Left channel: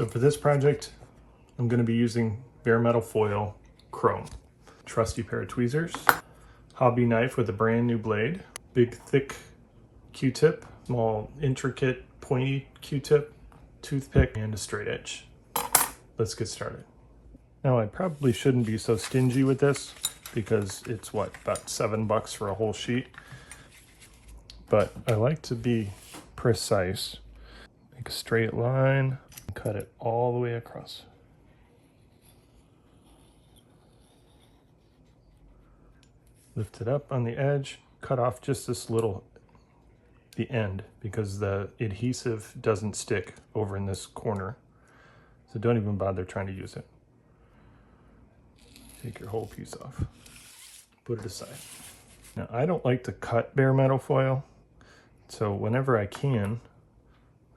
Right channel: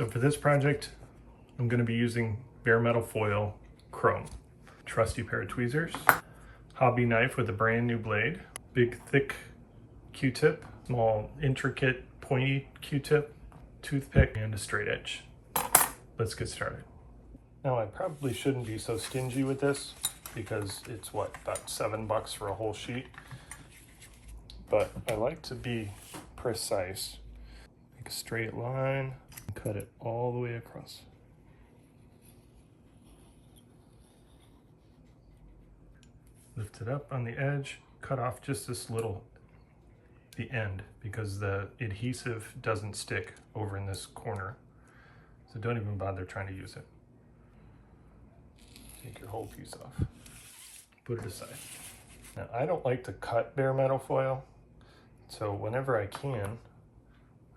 So for this project, I'm going to be using bare metal foil chrome, trusty pair of tweezers, hobby knife with a brand new blade, big thick Q-tip, small intricate pointy Q-tip, toothpick, and a straight edge. Let's get started. Now I probably shouldn't be so stingy with this because it's what, about $7 for a whole sheet. But I like to be precise. Make a straight line and cut it all the way across. Lift it up on the edge, cut off just this little, the end, because the adhesive doesn't stick over in this corner. So don't even bother trying to use it. Take your whole piece off. Put it aside. Now, I don't like to cut bare metal foil, so whenever I can,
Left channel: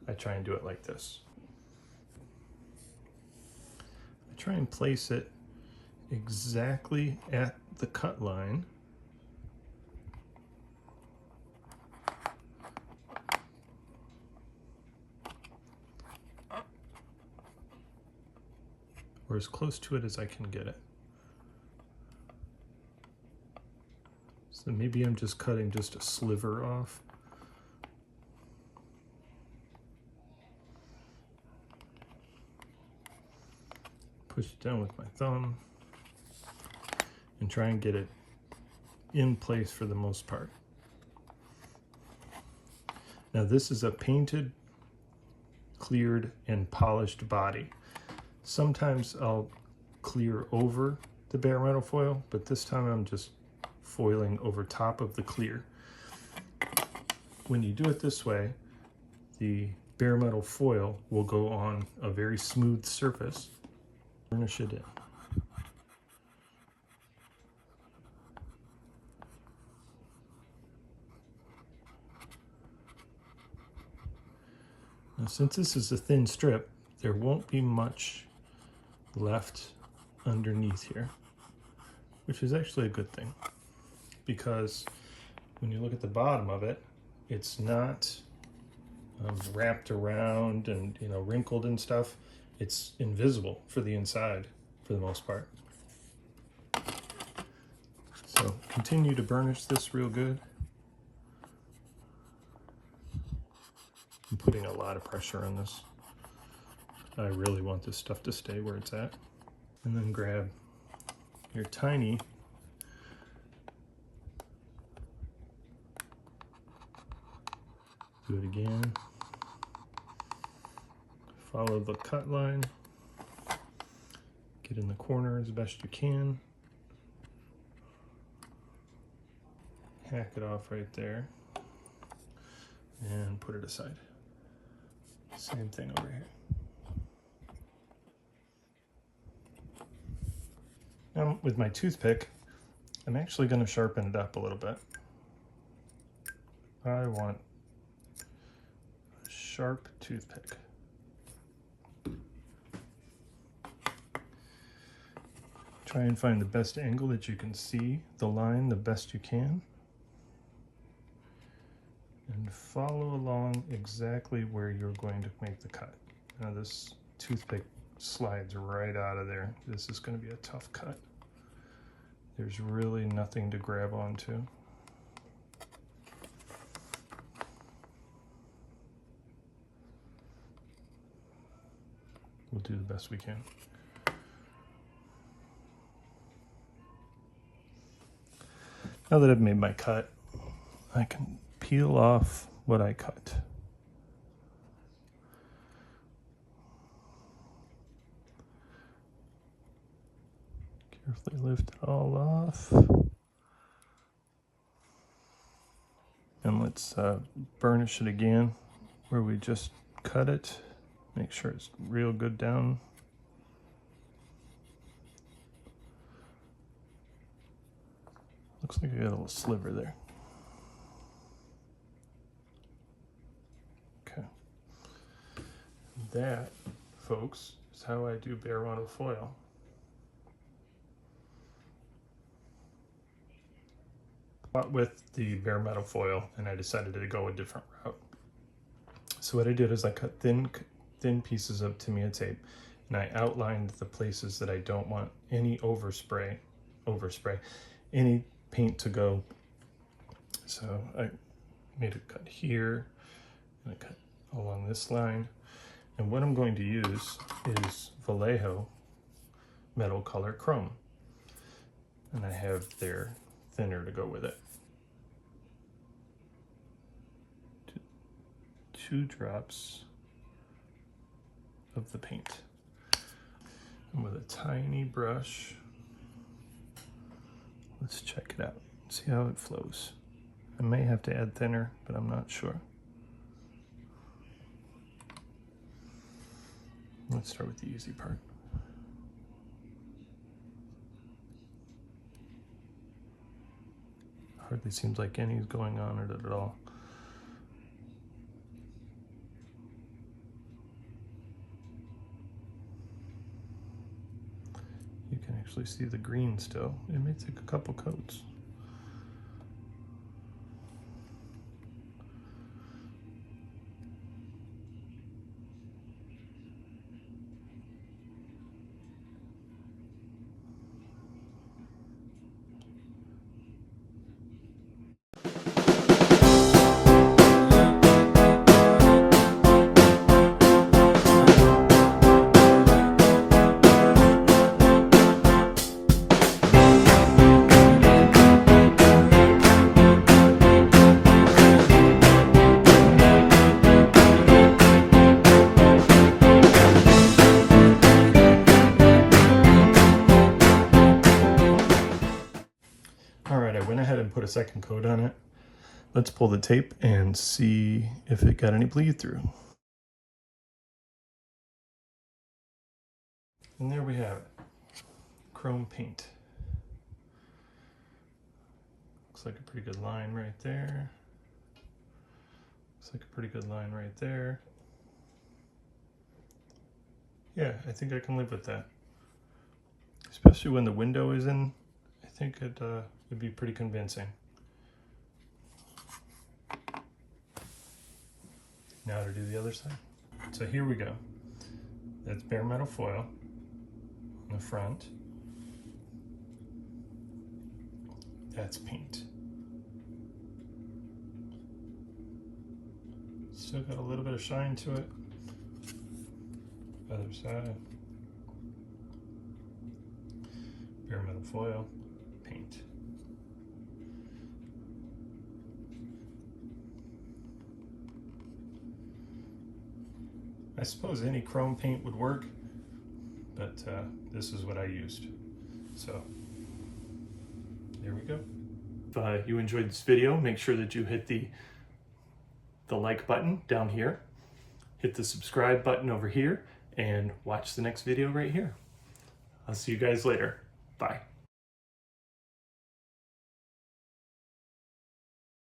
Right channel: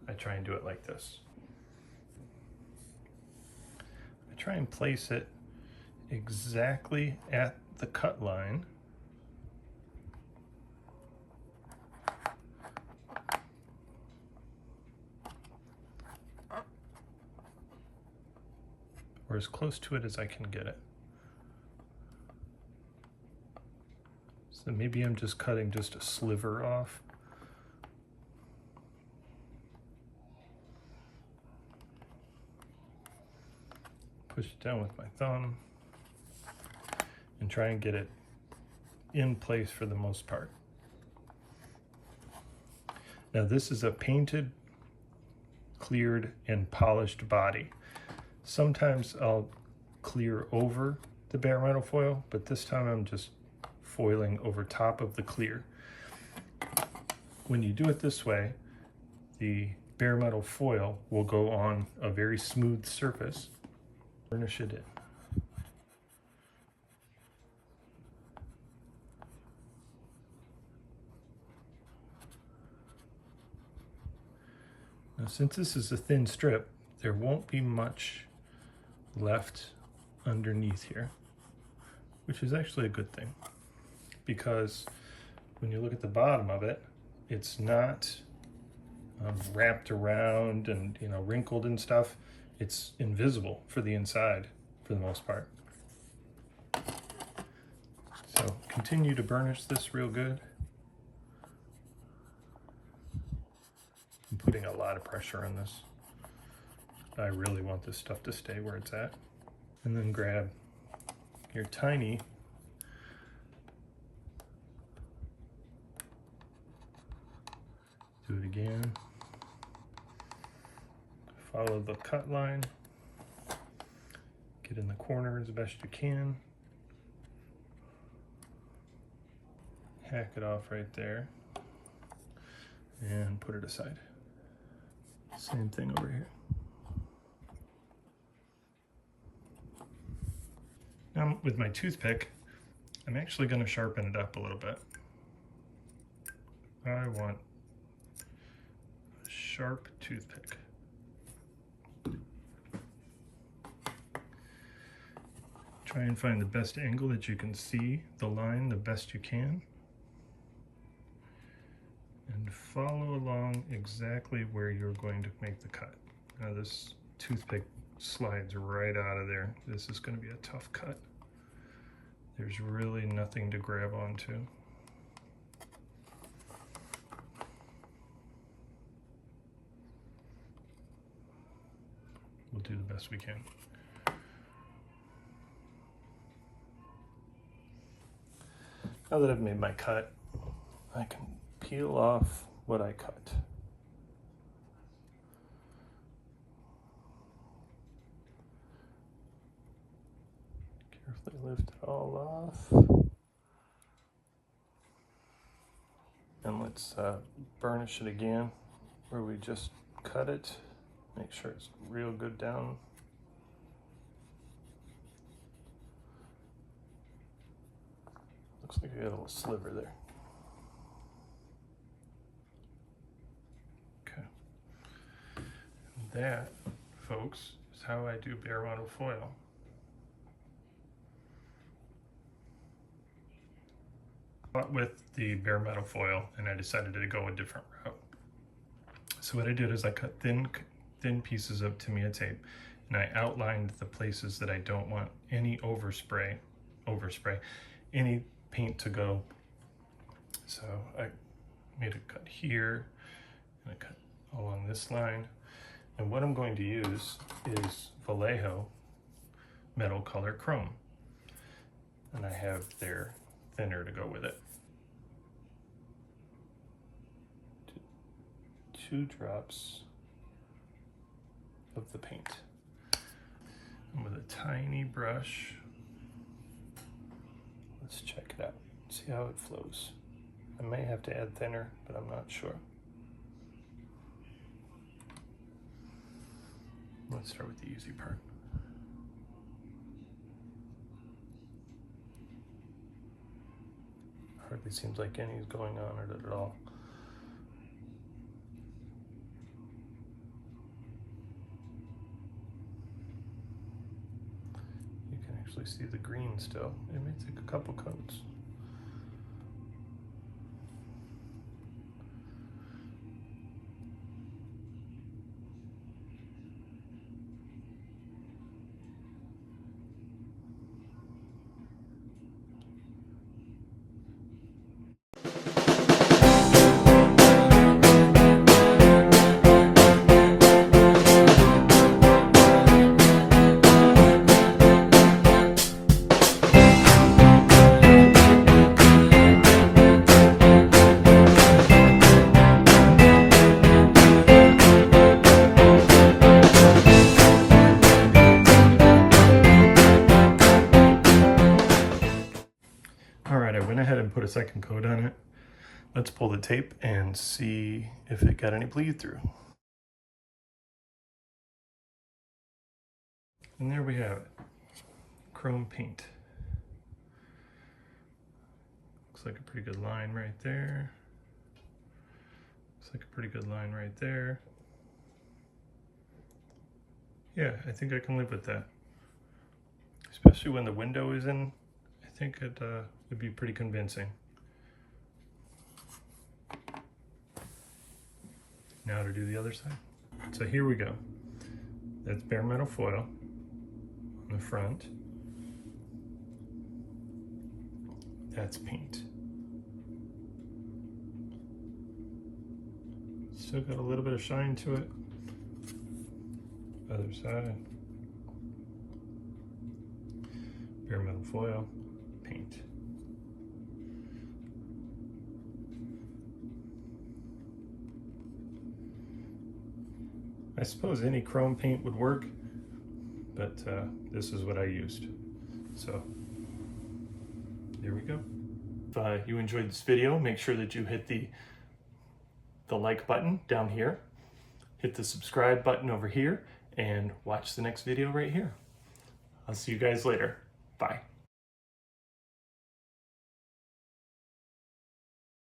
I try and do it like this. I try and place it exactly at the cut line. Or as close to it as I can get it. So maybe I'm just cutting just a sliver off. Push it down with my thumb and try and get it in place for the most part. Now this is a painted, cleared, and polished body. Sometimes I'll clear over the bare metal foil, but this time I'm just foiling over top of the clear. When you do it this way, the bare metal foil will go on a very smooth surface. Burnish it in. Now, since this is a thin strip, there won't be much left underneath here, which is actually a good thing, because when you look at the bottom of it, it's not wrapped around and wrinkled and stuff. It's invisible for the inside for the most part. So continue to burnish this real good. I'm putting a lot of pressure on this. I really want this stuff to stay where it's at. And then grab your tiny do it again. Follow the cut line. Get in the corner as best you can. Hack it off right there. And put it aside. Same thing over here. Now with my toothpick, I'm actually going to sharpen it up a little bit. I want a sharp toothpick. Try and find the best angle that you can see the line the best you can. And follow along exactly where you're going to make the cut. Now this toothpick slides right out of there. This is going to be a tough cut. There's really nothing to grab onto. We'll do the best we can. Now that I've made my cut, I can peel off what I cut. Carefully lift it all off. And let's burnish it again where we just cut it. Make sure it's real good down. Looks like we got a little sliver there. Okay. That, folks, is how I do bare metal foil. With the bare metal foil, and I decided to go a different route. So what I did is I cut thin thin pieces of Tamiya tape, and I outlined the places that I don't want any overspray, any paint to go. So I made a cut here, and a cut along this line. And what I'm going to use is Vallejo metal color chrome. And I have their thinner to go with it. 2 drops of the paint. And with a tiny brush, let's check it out. See how it flows. I may have to add thinner, but I'm not sure. Let's start with the easy part. Hardly seems like any's going on it at all. You can actually see the green still. It may take a couple coats. Alright, I went ahead and put a second coat on it. Let's pull the tape and see if it got any bleed through. And there we have it. Chrome paint. Looks like a pretty good line right there. Looks like a pretty good line right there. Yeah, I think I can live with that. Especially when the window is in. I think it would be pretty convincing. Now to do the other side. So here we go. That's bare metal foil on the front. That's paint. Still got a little bit of shine to it. Other side. Bare metal foil, paint. I suppose any chrome paint would work, but this is what I used. So there we go. If you enjoyed this video, make sure that you hit the like button down here, hit the subscribe button over here, and watch the next video right here. I'll see you guys later. Bye.